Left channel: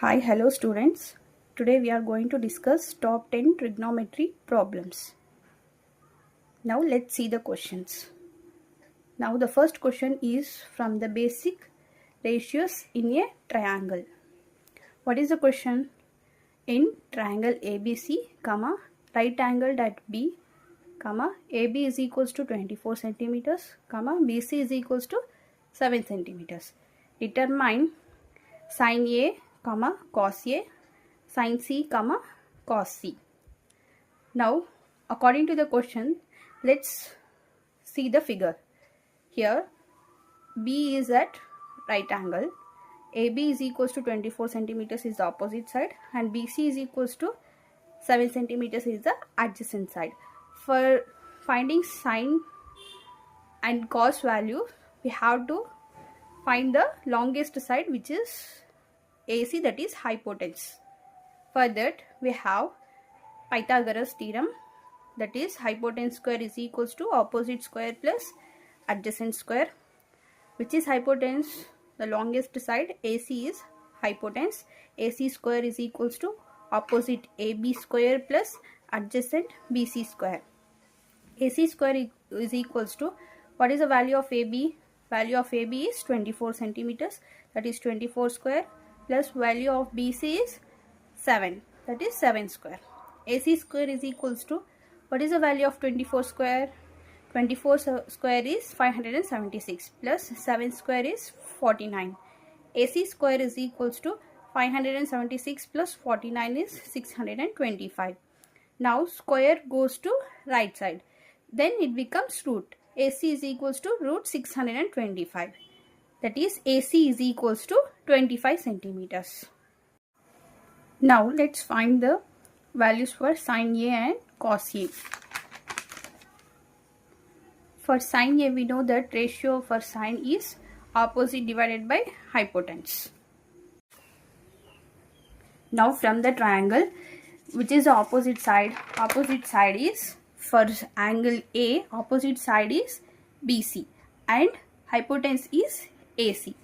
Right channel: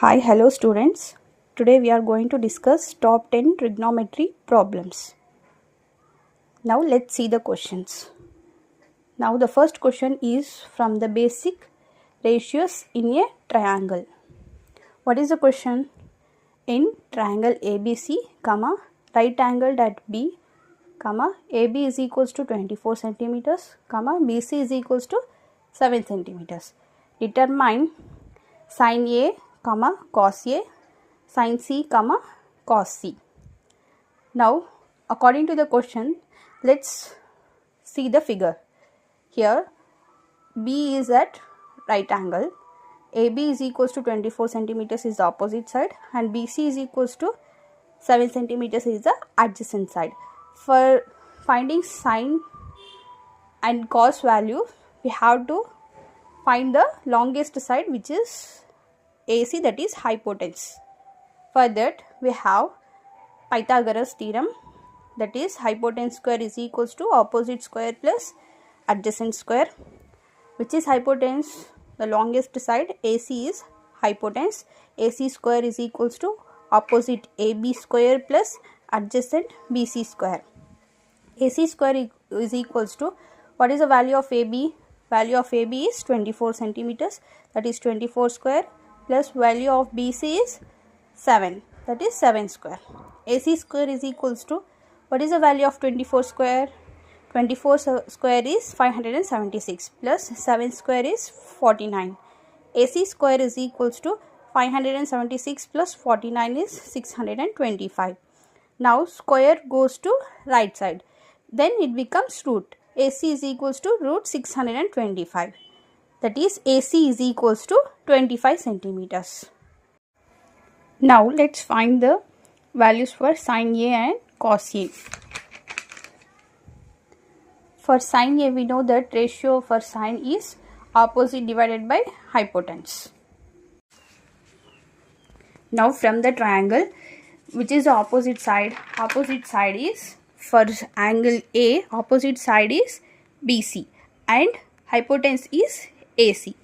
Hi, hello students. Today we are going to discuss top 10 trigonometry problems. Now let's see the questions. Now the first question is from the basic ratios in a triangle. What is the question? In triangle ABC, comma, right angled at B, comma, AB is equals to 24 centimeters, comma, BC is equals to 7 centimeters. Determine sin A, comma, cos A, sin C, comma, cos C. Now, according to the question, let's see the figure. Here, B is at right angle. AB is equals to 24 centimeters is the opposite side, and BC is equals to 7 centimeters is the adjacent side. For finding sine and cos value, we have to find the longest side, which is AC, that is hypotenuse. For that, we have Pythagoras theorem, that is hypotenuse square is equals to opposite square plus adjacent square. Which is hypotenuse? The longest side AC is hypotenuse. AC square is equals to opposite AB square plus adjacent BC square. AC square is equals to, what is the value of AB? Value of AB is 24 centimeters, that is 24 square, plus value of BC is 7, that is 7 square. AC square is equals to, what is the value of 24 square? 24 square is 576 plus 7 square is 49. AC square is equals to 576 plus 49 is 625. Now square goes to right side. Then it becomes root. AC is equals to root 625. That is AC is equals to 25 centimeters. Now let's find the values for sin A and cos A. For sin A, we know that ratio for sin is opposite divided by hypotenuse. Now from the triangle, which is the opposite side is, for angle A, opposite side is BC and hypotenuse is AC.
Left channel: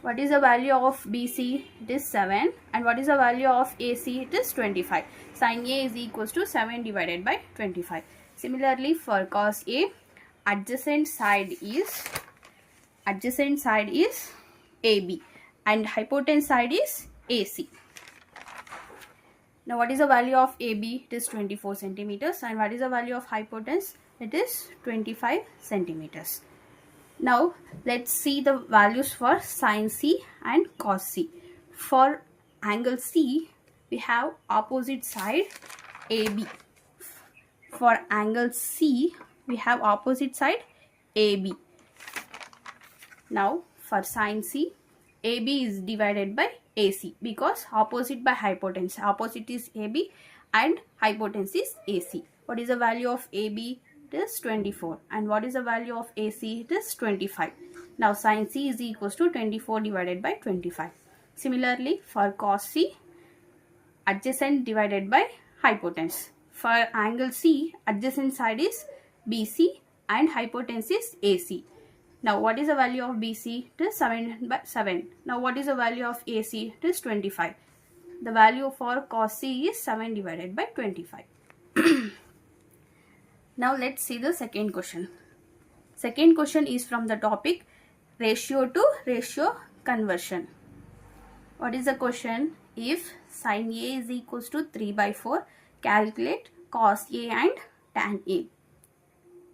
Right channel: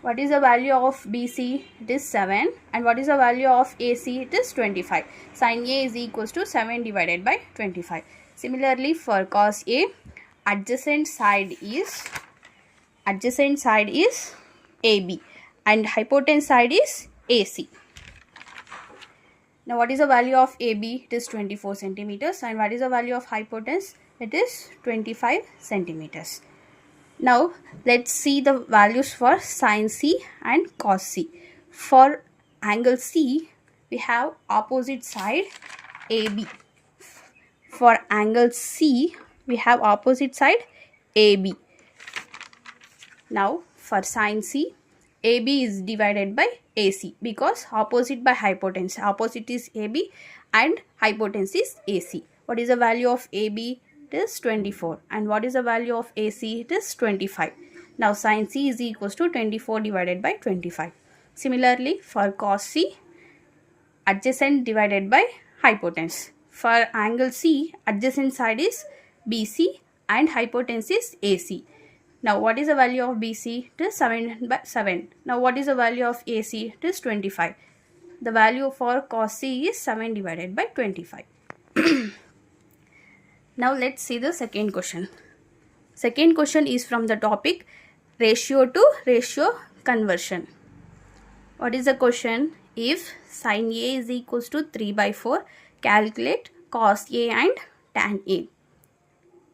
What is the value of BC? It is 7. And what is the value of AC? It is 25. Sin A is equals to 7 divided by 25. Similarly, for cos A, adjacent side is AB and hypotenuse side is AC. Now, what is the value of AB? It is 24 centimeters. And what is the value of hypotenuse? It is 25 centimeters. Now, let's see the values for sin C and cos C. For angle C, we have opposite side AB. For angle C, we have opposite side AB. Now, for sin C, AB is divided by AC because opposite by hypotenuse. Opposite is AB and hypotenuse is AC. What is the value of AB? It is 24. And what is the value of AC? It is 25. Now, sin C is equals to 24 divided by 25. Similarly, for cos C, adjacent divided by hypotenuse. For angle C, adjacent side is BC and hypotenuse is AC. Now, what is the value of BC? It is 7 by 7. Now, what is the value of AC? It is 25. The value for cos C is 7 divided by 25. Now, let's see the second question. Second question is from the topic ratio to ratio conversion. What is the question? If sin A is equals to 3 by 4, calculate cos A and tan A.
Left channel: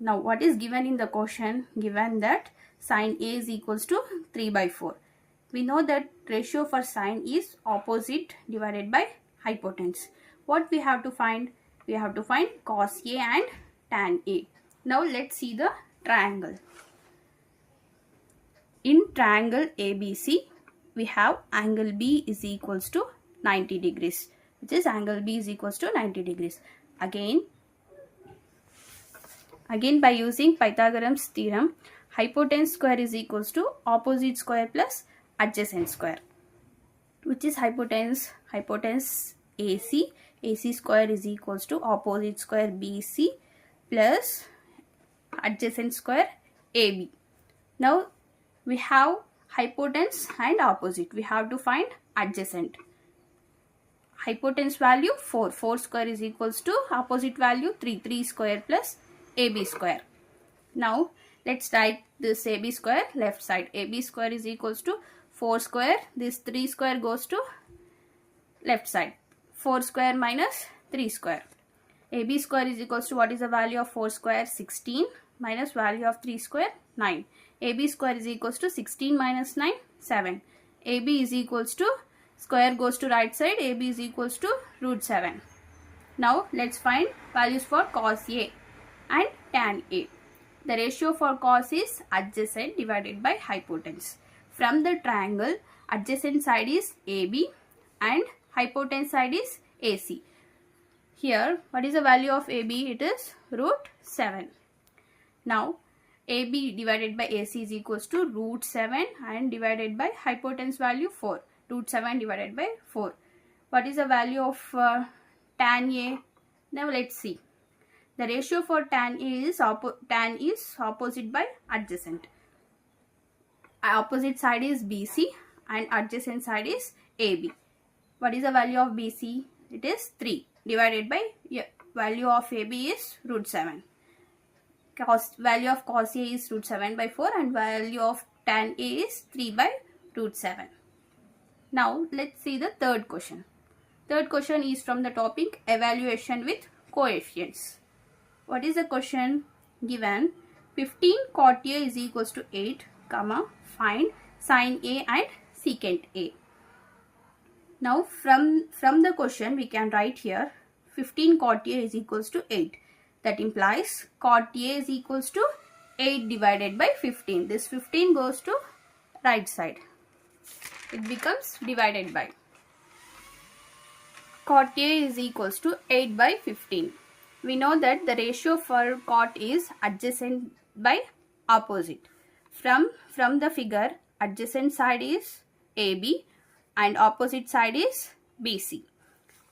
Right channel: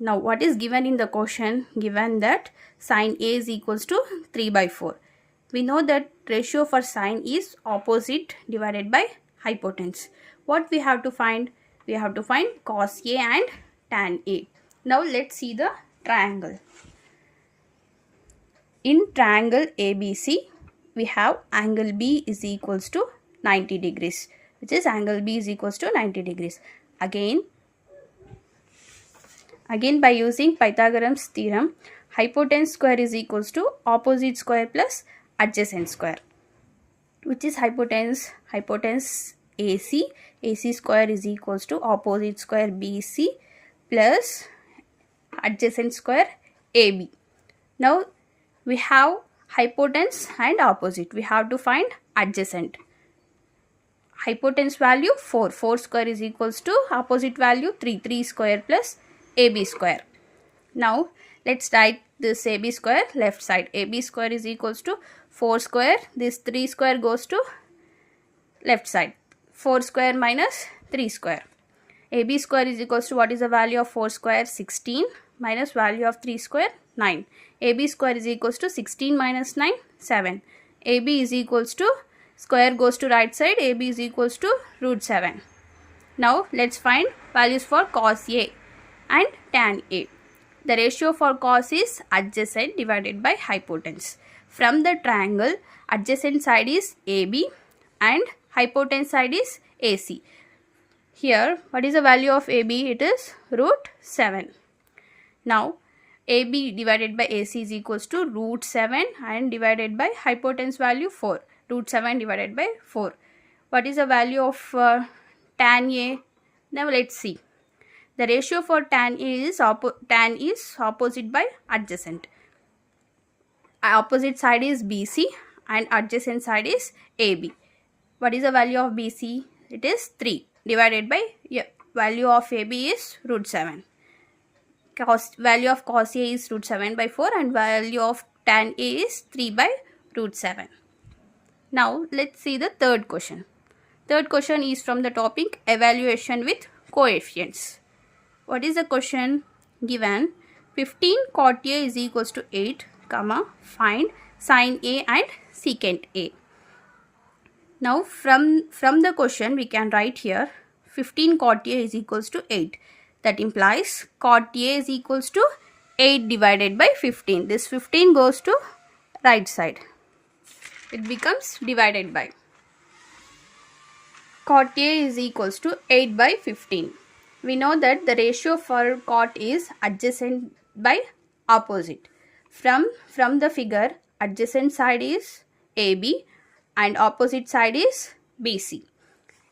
Now, what is given in the question? Given that sin A is equals to 3 by 4. We know that ratio for sin is opposite divided by hypotenuse. What we have to find? We have to find cos A and tan A. Now, let's see the triangle. In triangle ABC, we have angle B is equals to 90 degrees, which is angle B is equals to 90 degrees. Again by using Pythagoras theorem, hypotenuse square is equals to opposite square plus adjacent square. Which is hypotenuse? Hypotenuse AC. AC square is equals to opposite square BC plus adjacent square AB. Now, we have hypotenuse and opposite. We have to find adjacent. Hypotenuse value 4. 4 square is equals to opposite value 3. 3 square plus AB square. Now let's write this AB square left side. AB square is equals to 4 square. This 3 square goes to left side. 4 square minus 3 square. AB square is equals to, what is the value of 4 square? 16 minus value of 3 square 9. AB square is equals to 16 minus 9 7. AB is equals to, square goes to right side, AB is equals to root 7. Now let's find values for cos A and tan A. The ratio for cos is adjacent divided by hypotenuse. From the triangle, adjacent side is AB and hypotenuse side is AC. Here, what is the value of AB? It is root 7. Now, AB divided by AC is equals to root 7 and divided by hypotenuse value 4. Root 7 divided by 4. What is the value of tan A? Now, let's see. The ratio for tan is opposite by adjacent. Opposite side is BC and adjacent side is AB. What is the value of BC? It is 3 divided by value of AB is root 7. Value of cos A is root 7 by 4 and value of tan A is 3 by root 7. Now let's see the third question. Third question is from the topic evaluation with coefficients. What is the question? Given 15 cot A is equals to 8, find sin A and secant A. Now from the question we can write here 15 cot A is equals to 8. That implies cot A is equals to 8 divided by 15. This 15 goes to right side. It becomes divided by. Cot A is equals to 8 by 15. We know that the ratio for cot is adjacent by opposite. From the figure, adjacent side is AB and opposite side is BC.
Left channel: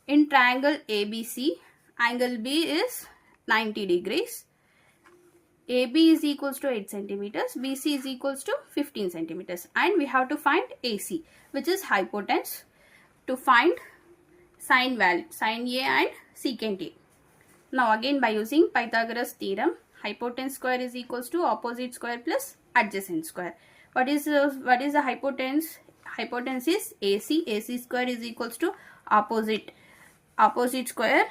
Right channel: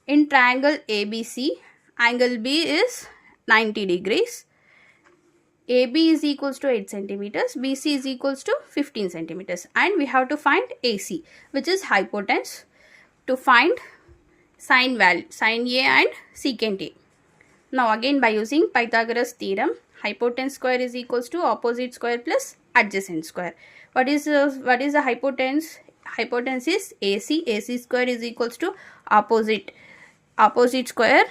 In triangle ABC, angle B is 90 degrees. AB is equals to 8 centimeters, BC is equals to 15 centimeters, and we have to find AC, which is hypotenuse, to find sin value, sin A and secant A. Now again by using Pythagoras theorem, hypotenuse square is equals to opposite square plus adjacent square. What is the hypotenuse? Hypotenuse is AC. AC square is equals to opposite square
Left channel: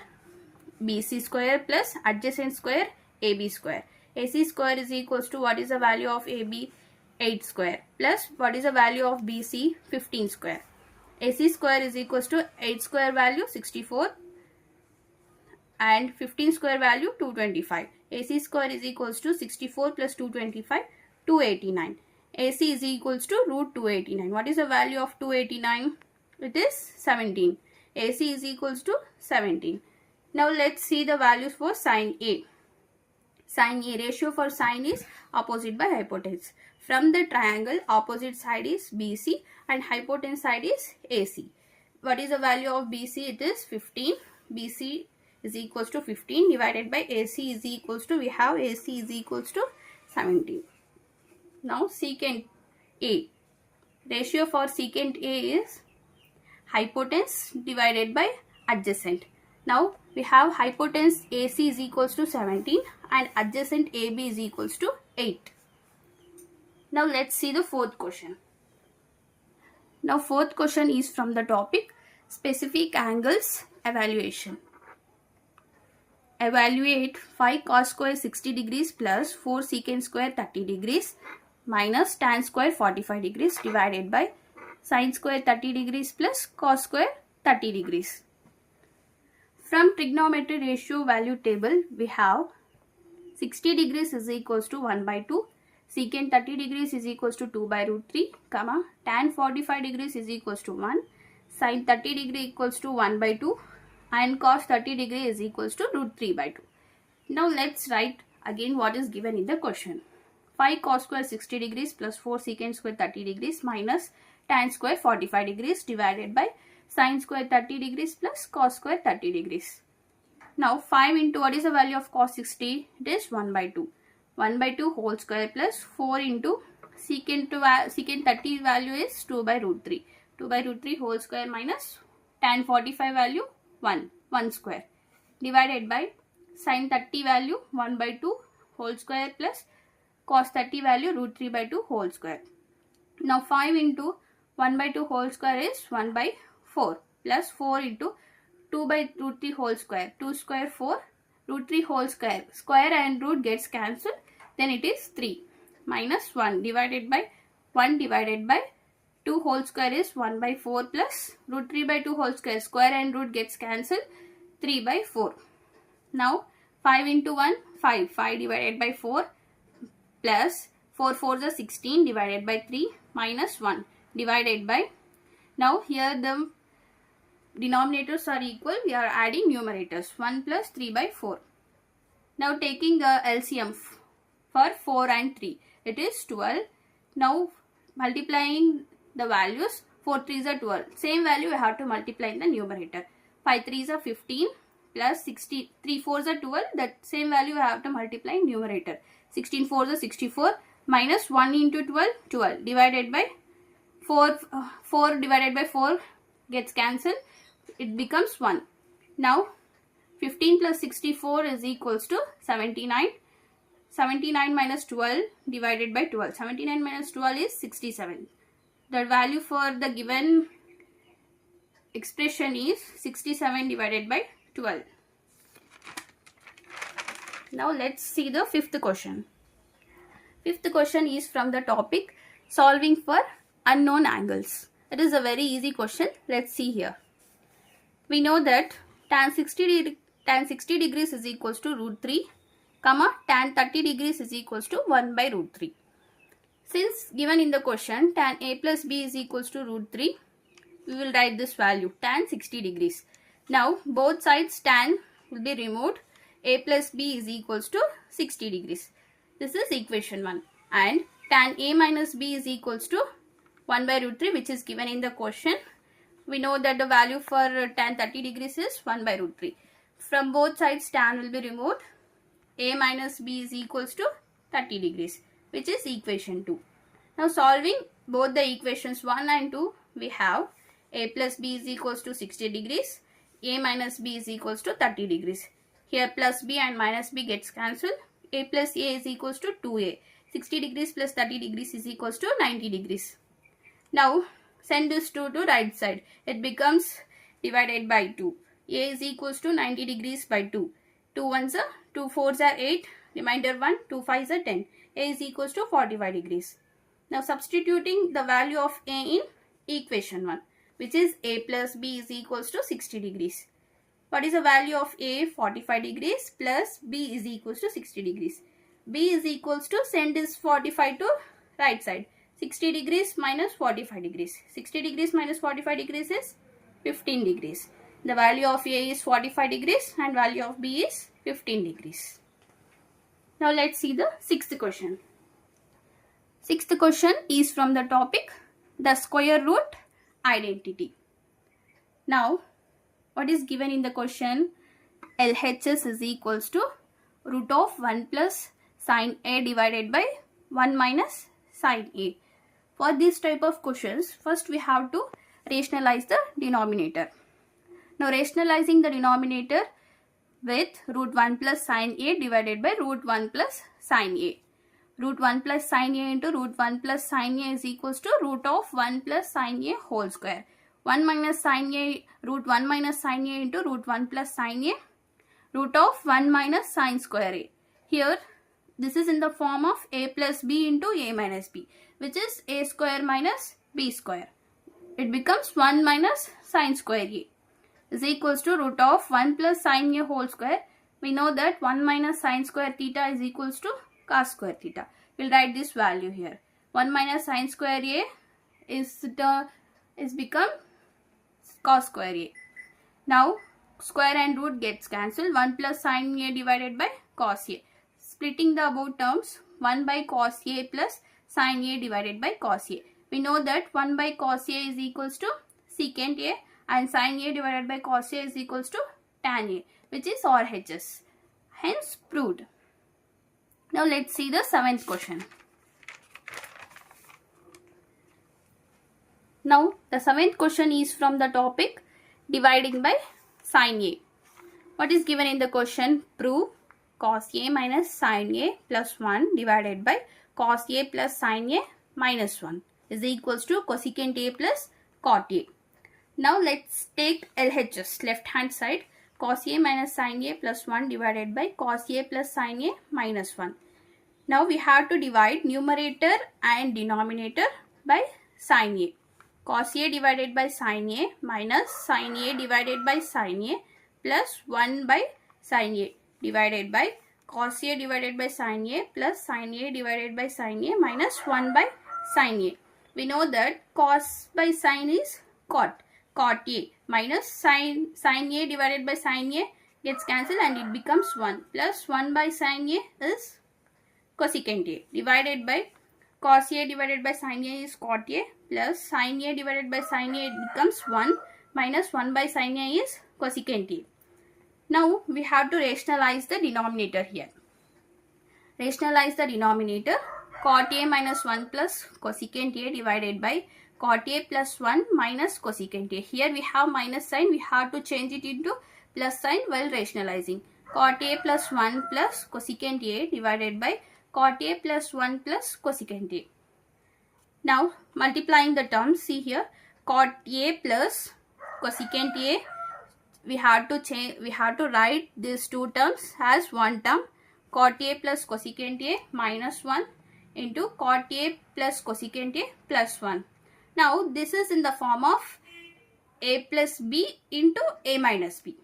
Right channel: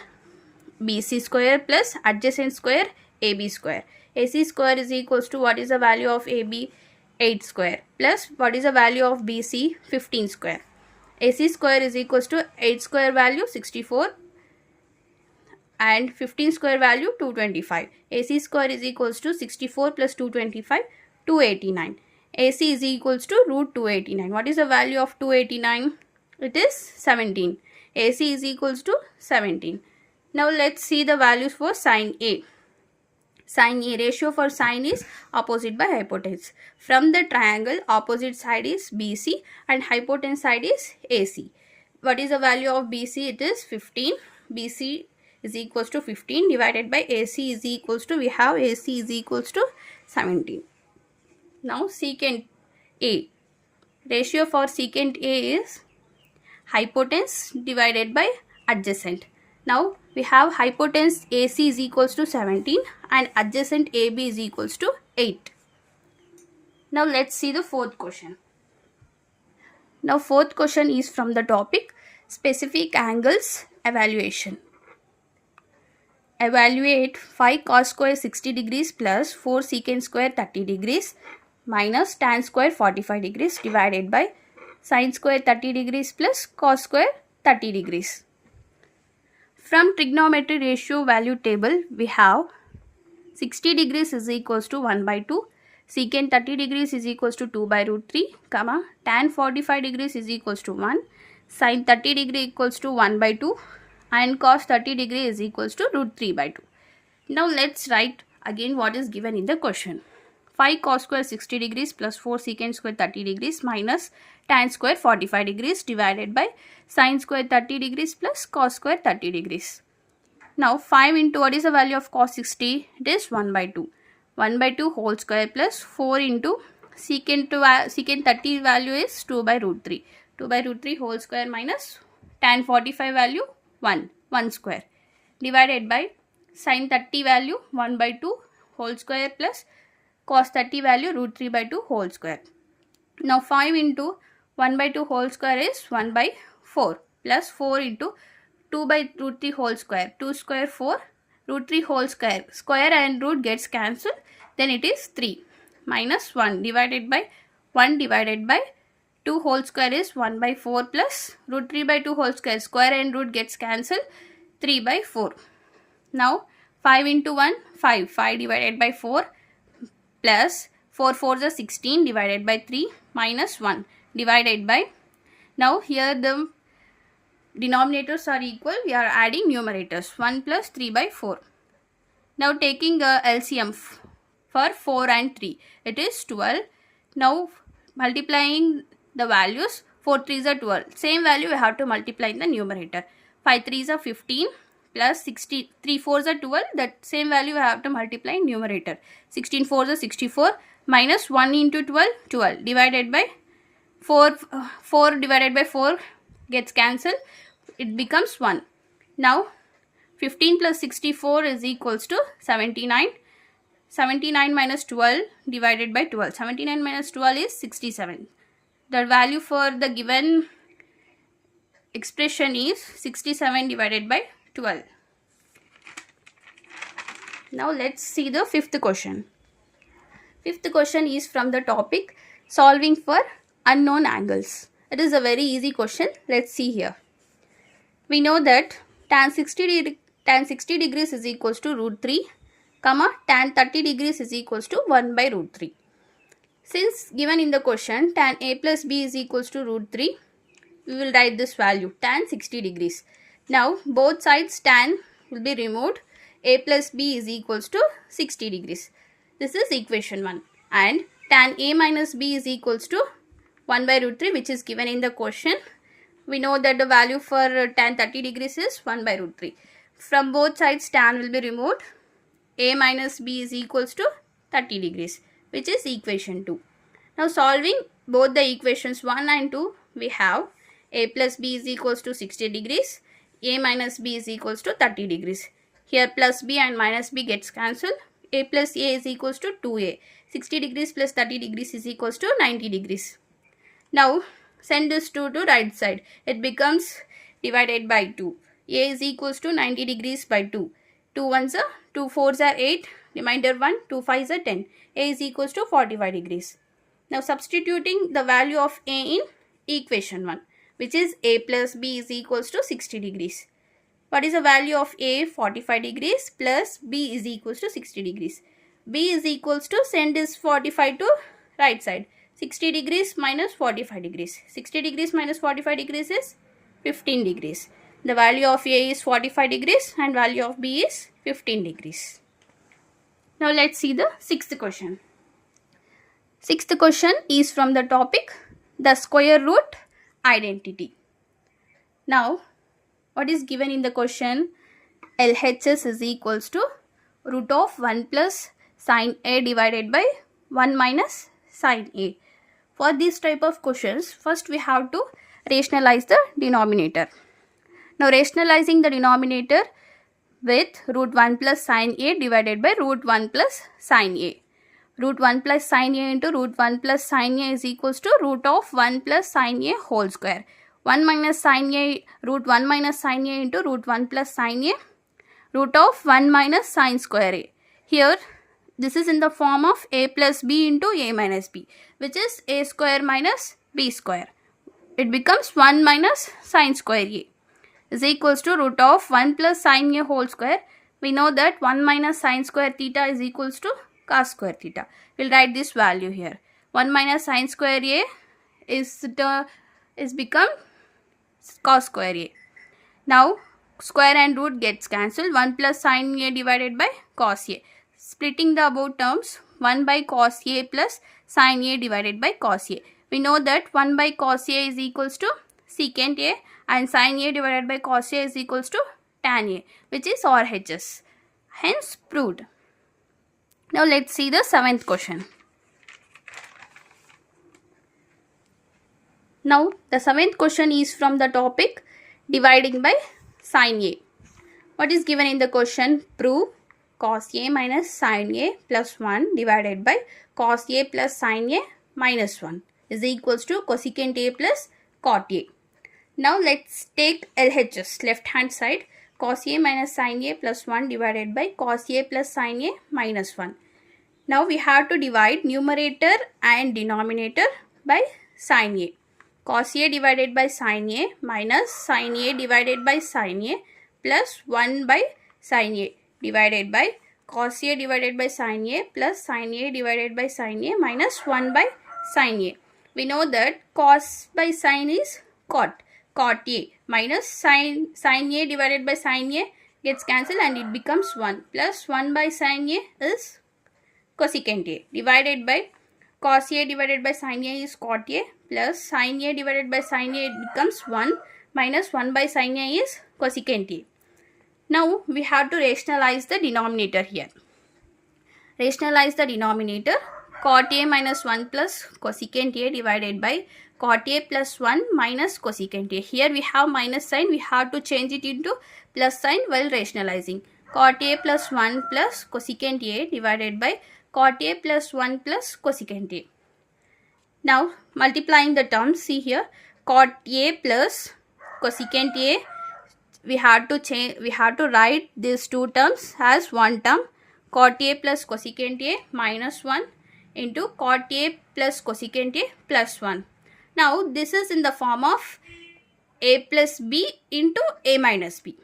BC square plus adjacent square AB square. AC square is equals to, what is the value of AB? 8 square plus what is the value of BC? 15 square. AC square is equals to 8 square value 64 and 15 square value 225. AC square is equals to 64 plus 225 289. AC is equals to root 289. What is the value of 289? It is 17. AC is equals to 17. Now let's see the values for sin A. Sin A, ratio for sin is opposite by hypotenuse. From the triangle, opposite side is BC and hypotenuse side is AC. What is the value of BC? It is 15. BC is equals to 15 divided by AC is equals to, we have AC is equals to 17. Now secant A. Ratio for secant A is hypotenuse divided by adjacent. Now we have hypotenuse AC is equals to 17 and adjacent AB is equals to 8. Now let's see the fourth question. Now fourth question is from the topic specific angles evaluation. Evaluate 5 cos square 60 degrees plus 4 secant square 30 degrees minus tan square 45 degrees divided by sin square 30 degrees plus cos square 30 degrees. From trigonometry ratio value table, we have 60 degrees is equals to 1 by 2, secant 30 degrees is equals to 2 by root 3, tan 45 degrees is equals to 1, sin 30 degree equals to 1 by 2 and cos 30 degree is equals to root 3 by 2. Now let's write again what is given in the question. 5 cos square 60 degrees plus 4 secant square 30 degrees minus tan square 45 degrees divided by sin square 30 degrees plus cos square 30 degrees. Now 5 into, what is the value of cos 60? It is 1 by 2. 1 by 2 whole square plus 4 into secant 30 value is 2 by root 3. 2 by root 3 whole square minus tan 45 value 1 square divided by sin 30 value 1 by 2 whole square plus cos 30 value root 3 by 2 whole square. Now 5 into 1 by 2 whole square is 1 by 4 plus 4 into 2 by root 3 whole square. 2 square 4 root 3 whole square. Square and root gets cancelled. Then it is 3 minus 1 divided by 1 divided by 2 whole square is 1 by 4 plus root 3 by 2 whole square. Square and root gets cancelled. 3 by 4. Now 5 into 1 5. 5 divided by 4 plus 4 4s are 16 divided by 3 minus 1 divided by, now here the denominators are equal, we are adding numerators 1 plus 3 by 4. Now taking the LCM for 4 and 3, it is 12. Now multiplying the values, 4 3s are 12. Same value we have to multiply in the numerator. 5 3s are 15 plus 60, 3 4s are 12. That same value we have to multiply in numerator. 16 4s are 64 minus 1 into 12, 12 divided by 4 divided by 4 gets cancelled. It becomes 1. Now 15 plus 64 is equals to 79. 79 minus 12 divided by 12. 79 minus 12 is 67. The value for the given expression is 67 divided by 12. Now let's see the fifth question. Fifth question is from the topic solving for unknown angles. It is a very easy question. Let's see here. We know that tan 60 degrees is equals to root 3, comma tan 30 degrees is equals to 1 by root 3. Since given in the question tan a plus b is equals to root 3, we will write this value tan 60 degrees. Now both sides tan will be removed. A plus b is equals to 60 degrees. This is equation 1. And tan a minus b is equals to 1 by root 3, which is given in the question. We know that the value for tan 30 degrees is 1 by root 3. From both sides tan will be removed. A minus b is equals to 30 degrees, which is equation 2. Now solving both the equations 1 and 2, we have a plus b is equals to 60 degrees. A minus b is equals to 30 degrees. Here plus b and minus b gets cancelled. A plus a is equals to 2a. 60 degrees plus 30 degrees is equals to 90 degrees. Now send this 2 to right side. It becomes divided by 2. A is equals to 90 degrees by 2. 2 1s are 2 4s are 8. Remainder 1. 2 5s are 10. A is equals to 45 degrees. Now substituting the value of a in equation 1, which is a plus b is equals to 60 degrees. What is the value of a? 45 degrees plus b is equals to 60 degrees. B is equals to, send this 45 to right side. 60 degrees minus 45 degrees. 60 degrees minus 45 degrees is 15 degrees. The value of a is 45 degrees and value of b is 15 degrees. Now let's see the sixth question. Sixth question is from the topic the square root identity. Now what is given in the question? LHS is equals to root of 1 plus sine a divided by 1 minus sine a. For this type of questions, first we have to rationalize the denominator. Now rationalizing the denominator with root 1 plus sine a divided by root 1 plus sine a. Root 1 plus sine a into root 1 plus sine a is equals to root of 1 plus sine a whole square. 1 minus sine a, root 1 minus sine a into root 1 plus sine a, root of 1 minus sine square a. Here this is in the form of a plus b into a minus b, which is a square minus b square. It becomes 1 minus sine square a is equals to root of 1 plus sine a whole square. We know that 1 minus sine square theta is equals to cos square theta. We'll write this value here. 1 minus sine square a is become cos square a. Now square and root gets cancelled. 1 plus sine a divided by cos a. Splitting the above terms, 1 by cos a plus sine a divided by cos a. We know that 1 by cos a is equals to secant a and sine a divided by cos a is equals to tan a, which is RHS. Hence proved. Now let's see the seventh question. Now the seventh question is from the topic dividing by sin A. What is given in the question? Prove cos A minus sin A plus 1 divided by cos A plus sin A minus 1 is equals to cosecant A plus cot A. Now let's take LHS, left hand side, cos A minus sin A plus 1 divided by cos A plus sin A minus 1. Now we have to divide numerator and denominator by sin A. Cos A divided by sin A minus sin A divided by sin A plus 1 by sin A divided by cos A divided by sin A plus sin A divided by sin A minus 1 by sin A. We know that cos by sin is cot A minus sin A divided by sin A gets cancelled and it becomes 1 plus 1 by sin A is cosecant A divided by cos A divided by sin A is cot A plus sin A divided by sin A becomes 1 minus 1 by sin A is cosecant A. Now we have to rationalize the denominator here. Rationalize the denominator. Cot A minus 1 plus cosecant A divided by cot A plus 1 minus cosecant A. Here we have minus sign. We have to change it into plus sign while rationalizing. Cot A plus 1 plus cosecant A divided by cot A plus 1 plus cosecant A. Now multiplying the terms, see here, cot A plus cosecant A, we have to write these two terms as one term, cot A plus cosecant A minus 1 into cot A plus cosecant A plus 1. Now this is in the form of A plus B into A minus B.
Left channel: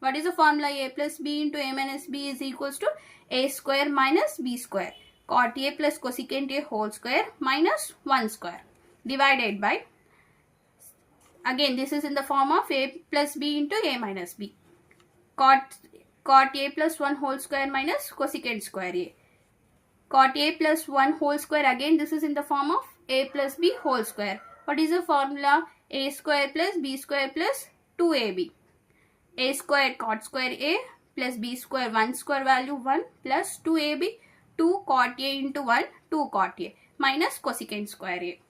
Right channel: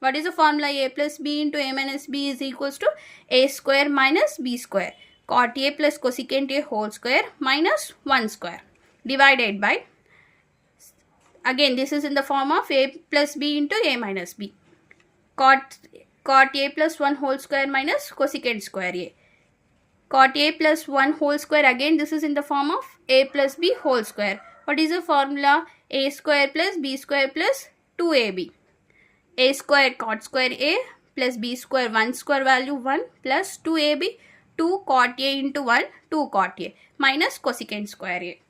What is the formula? A plus B into A minus B is equals to A square minus B square. Cot A plus cosecant A whole square minus 1 square divided by, again this is in the form of A plus B into A minus B. Cot A plus 1 whole square minus cosecant square A. Cot A plus 1 whole square, again this is in the form of A plus B whole square. What is the formula? A square plus B square plus 2AB. A square cot square A plus B square 1 square value 1 plus 2AB 2 cot A into 1 2 cot A minus cosecant square A.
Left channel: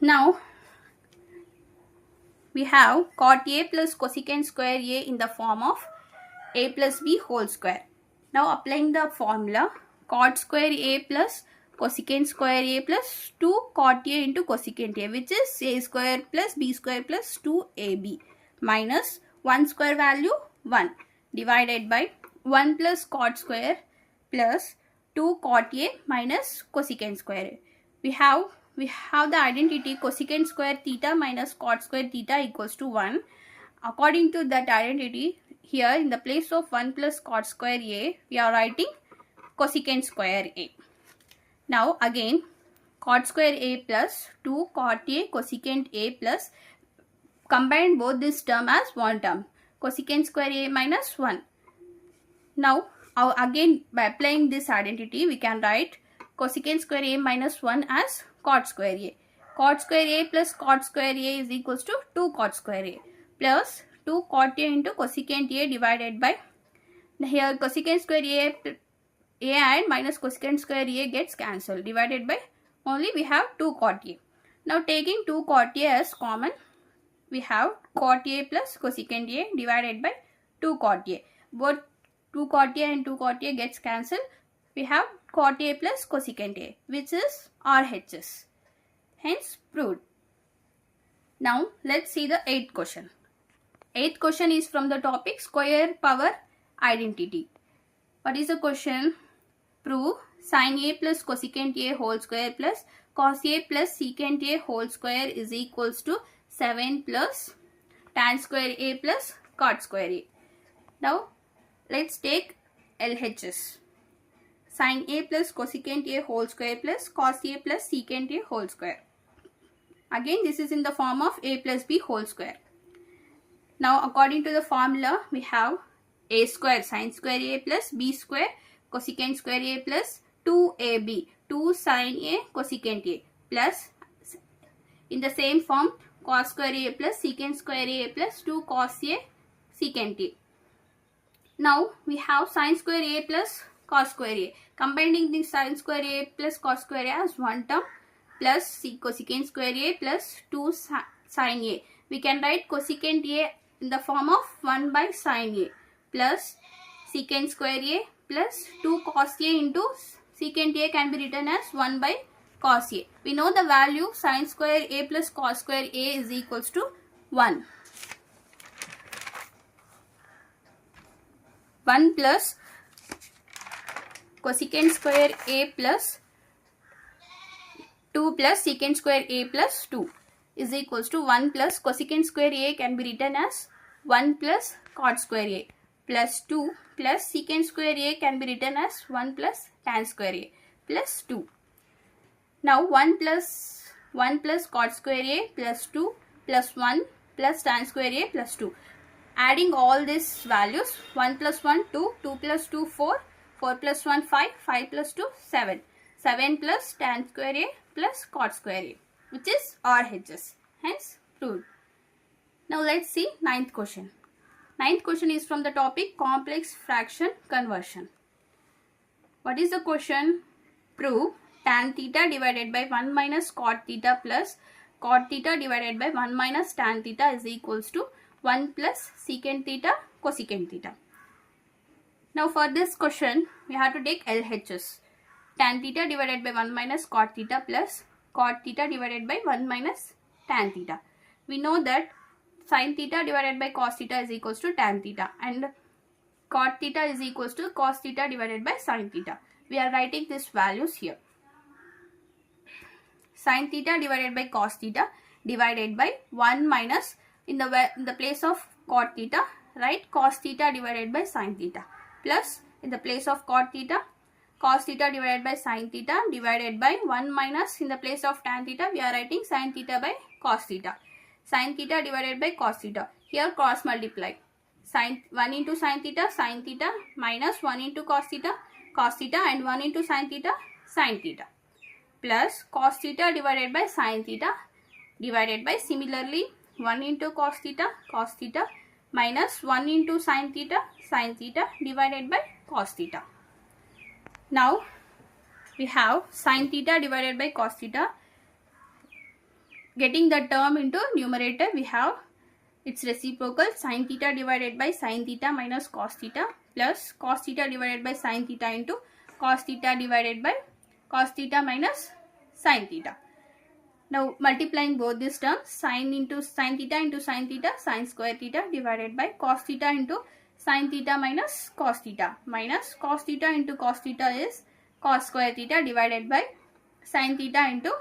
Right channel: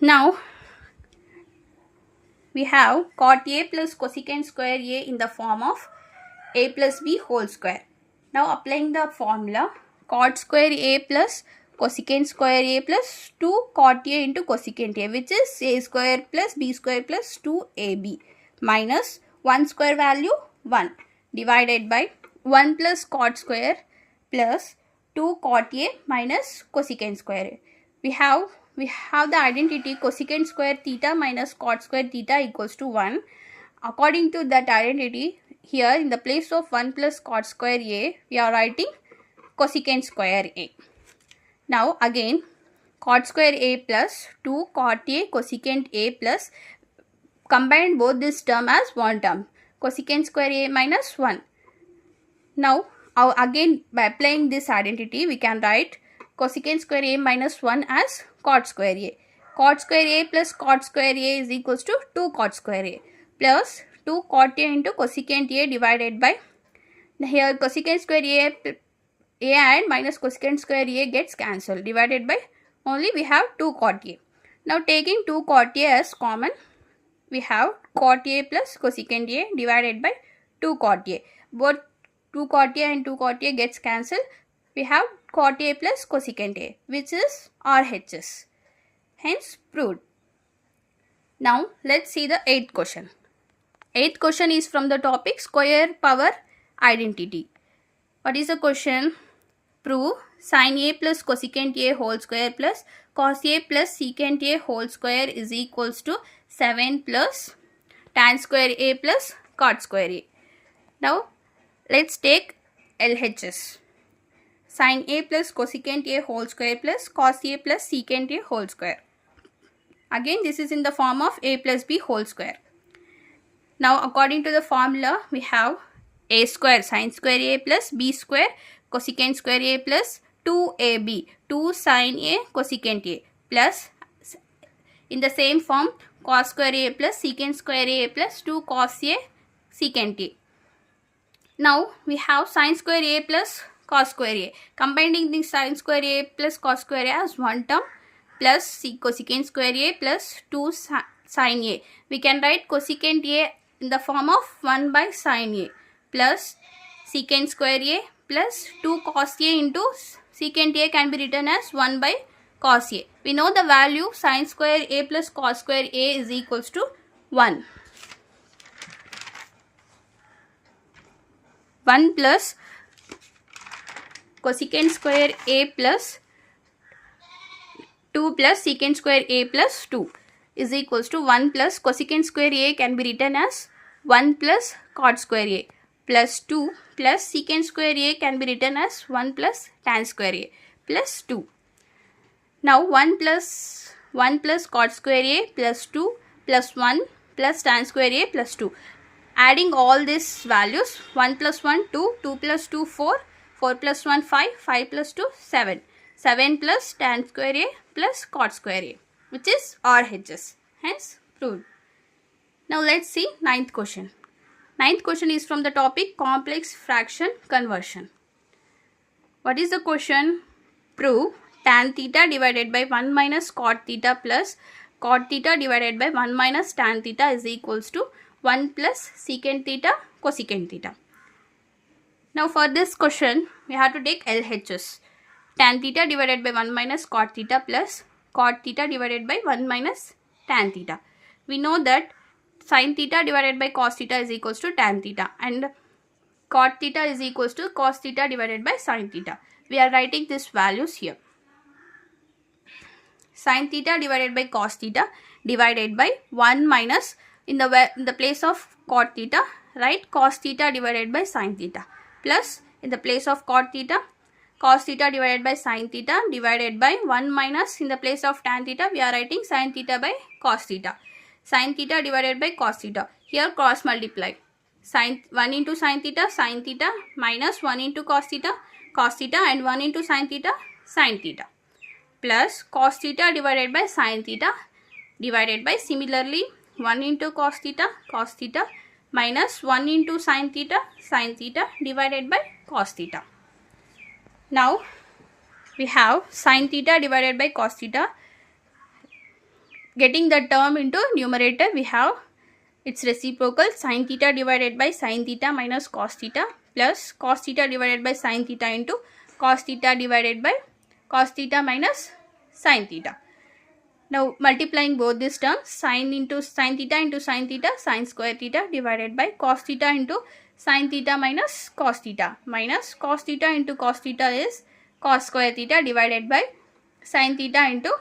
Now we have cot A plus cosecant square A in the form of A plus B whole square. Now applying the formula, cot square A plus cosecant square A plus 2 cot A into cosecant A, which is A square plus B square plus 2AB minus 1 square value 1 divided by 1 plus cot square plus 2 cot A minus cosecant square A. We have the identity cosecant square theta minus cot square theta equals to 1. According to that identity, here in the place of 1 plus cot square A, we are writing cosecant square A. Now again, cot square A plus 2 cot A cosecant A plus, combine both this term as one term, cosecant square A minus 1. Now again by applying this identity, we can write cosecant square A minus 1 as cot square A. Cot square A plus cot square A is equals to 2 cot square A plus 2 cot A into cosecant A divided by, here cosecant square A and minus cosecant square A gets cancelled, divided by, only we have 2 cot A. Now taking 2 cot A as common, we have cot A plus cosecant A divided by 2 cot A. Both 2 cot A and 2 cot A gets cancelled. We have cot A plus cosecant A, which is RHS. Hence proved. Now let's see the 8th question. 8th question is from the topic square power identity. What is the question? Prove sin A plus cosecant A whole square plus cos A plus secant A whole square is equals to 7 plus tan square A plus cot square A. Now let's take LHS. Sin A plus cosecant A whole square plus cos A plus secant A whole square. Again this is in the form of A plus B whole square. Now according to the formula, we have A square sin square A plus B square cosecant square A plus 2AB 2 sin A cosecant A plus, in the same form, cos square A plus secant square A plus 2 cos A secant A. Now we have sin square A plus cos square A. Combining the sin square A plus cos square A as one term, plus cosecant square A plus 2 sin A. We can write cosecant A in the form of 1 by sin A plus secant square A plus 2 cos A into secant A can be written as 1 by cos A. We know the value sin square A plus cos square A is equals to 1. 1 plus cosecant square A plus 2 plus secant square A plus 2 is equals to 1 plus cosecant square A can be written as 1 plus cot square A plus 2 plus secant square A can be written as 1 plus tan square A plus 2. Now 1 plus cot square A plus 2 plus 1 plus tan square A plus 2. Adding all these values, 1 plus 1 2, 2 plus 2 4, 4 plus 1 5, 5 plus 2 7. 7 plus tan square A plus cot square A, which is RHS. Hence proved. Now let's see ninth question. Ninth question is from the topic complex fraction conversion. What is the question? Prove tan theta divided by 1 minus cot theta plus cot theta divided by 1 minus tan theta is equals to 1 plus secant theta cosecant theta. Now for this question, we have to take LHS. Tan theta divided by 1 minus cot theta plus cot theta divided by 1 minus tan theta. We know that sin theta divided by cos theta is equals to tan theta and cot theta is equals to cos theta divided by sin theta. We are writing these values here. Sin theta divided by cos theta divided by 1 minus in the place of cot theta, write cos theta divided by sin theta plus in the place of cot theta, cos theta divided by sin theta divided by 1 minus in the place of tan theta, we are writing sin theta by cos theta. Sin theta divided by cos theta. Here cross multiply. Sin 1 into sin theta minus 1 into cos theta and 1 into sin theta plus cos theta divided by sin theta divided by similarly 1 into cos theta minus 1 into sin theta divided by cos theta. Now we have sin theta divided by cos theta. Getting the term into numerator, we have its reciprocal sin theta divided by sin theta minus cos theta plus cos theta divided by sin theta into cos theta divided by cos theta minus sin theta. Now multiplying both these terms, sin theta into sin theta, sin square theta divided by cos theta into sin theta minus cos theta into cos theta is cos square theta divided by sin theta into,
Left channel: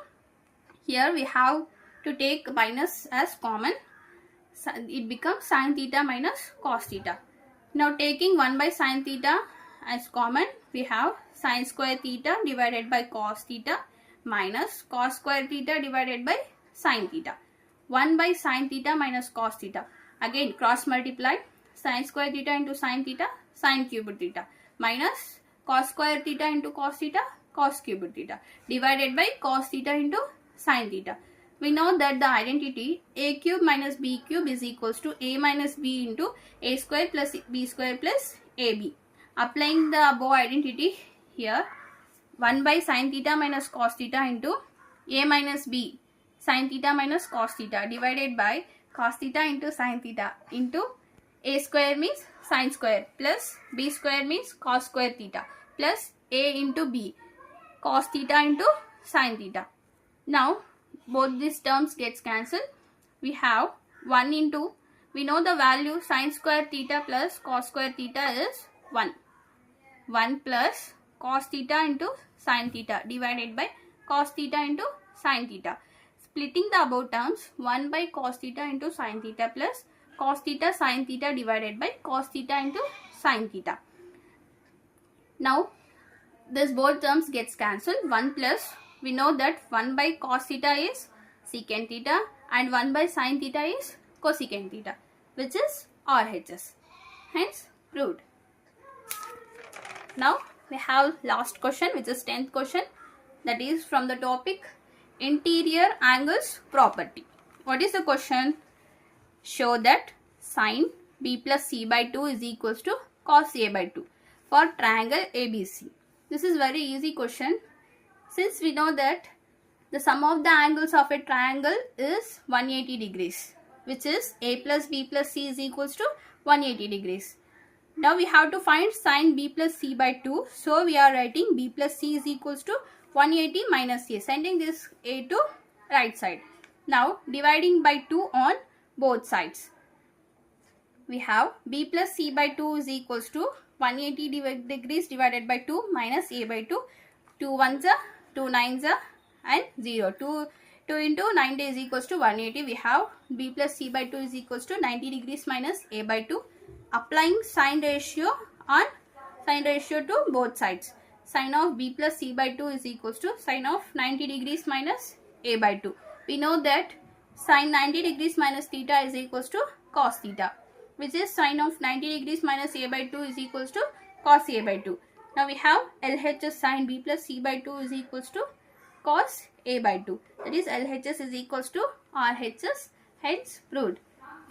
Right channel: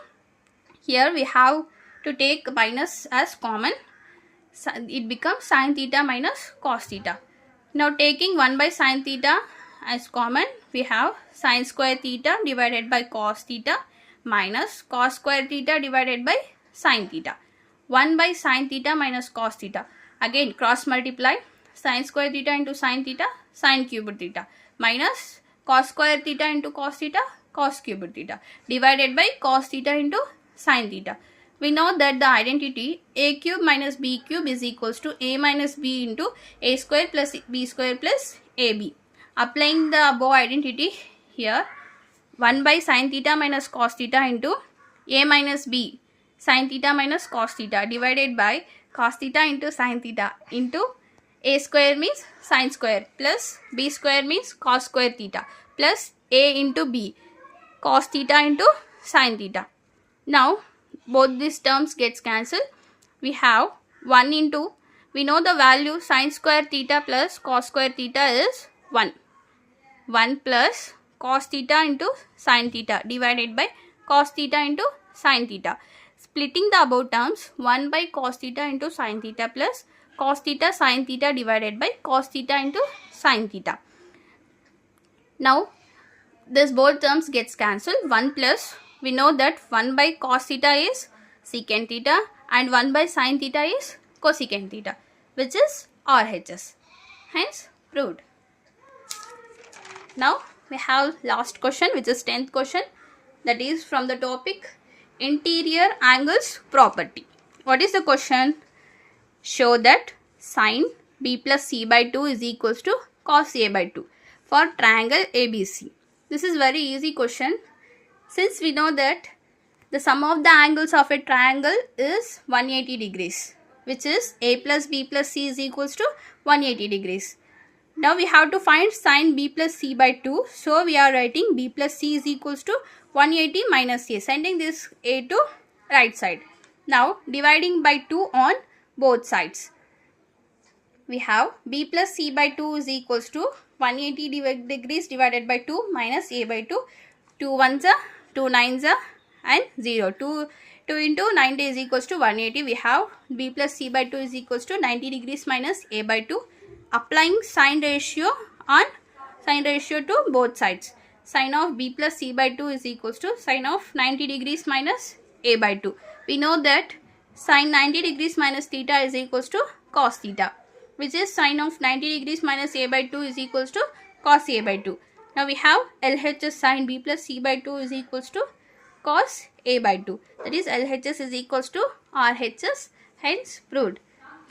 here we have to take minus as common, it becomes sin theta minus cos theta. Now taking 1 by sin theta as common, we have sin square theta divided by cos theta minus cos square theta divided by sin theta. 1 by sin theta minus cos theta. Again cross multiply, sin square theta into sin theta, sin cubed theta minus cos square theta into cos theta, cos cubed theta divided by cos theta into sin theta. We know that the identity a cube minus b cube is equals to a minus b into a square plus b square plus ab. Applying the above identity here, 1 by sin theta minus cos theta into a minus b sin theta minus cos theta divided by cos theta into sin theta into a square means sin square plus b square means cos square theta plus a into b cos theta into sin theta. Now both these terms gets cancelled. We have 1 into, we know the value sin square theta plus cos square theta is 1. 1 plus cos theta into sin theta divided by cos theta into sin theta. Splitting the above terms, 1 by cos theta into sin theta plus cos theta sin theta divided by cos theta into sin theta. Now this both terms gets cancelled. 1 plus, we know that 1 by cos theta is secant theta and 1 by sin theta is cosecant theta, which is RHS. Hence proved. Now we have last question, which is 10th question, that is from the topic interior angles property. What is the question? Show that sin b plus c by 2 is equals to cos a by 2 for triangle ABC. This is very easy question. Since we know that The sum of the angles of a triangle is 180 degrees, which is a plus b plus c is equals to 180 degrees. Now we have to find sin b plus c by 2. So we are writing b plus c is equals to 180 minus a, sending this a to right side. Now dividing by 2 on both sides. We have b plus c by 2 is equals to 180 degrees divided by 2 minus a by 2. 2 ones are 2 nines are and 0. 2 into 90 is equals to 180. We have b plus c by 2 is equals to 90 degrees minus a by 2. Applying sine ratio to both sides. Sine of b plus c by 2 is equals to sine of 90 degrees minus a by 2. We know that sine 90 degrees minus theta is equals to cos theta, which is sine of 90 degrees minus a by 2 is equals to cos a by 2. Now we have LHS sine b plus c by 2 is equals to cos a by 2. That is LHS is equals to RHS, hence proved.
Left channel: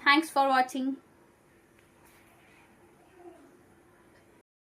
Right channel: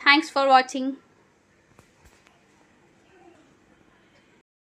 Thanks for watching.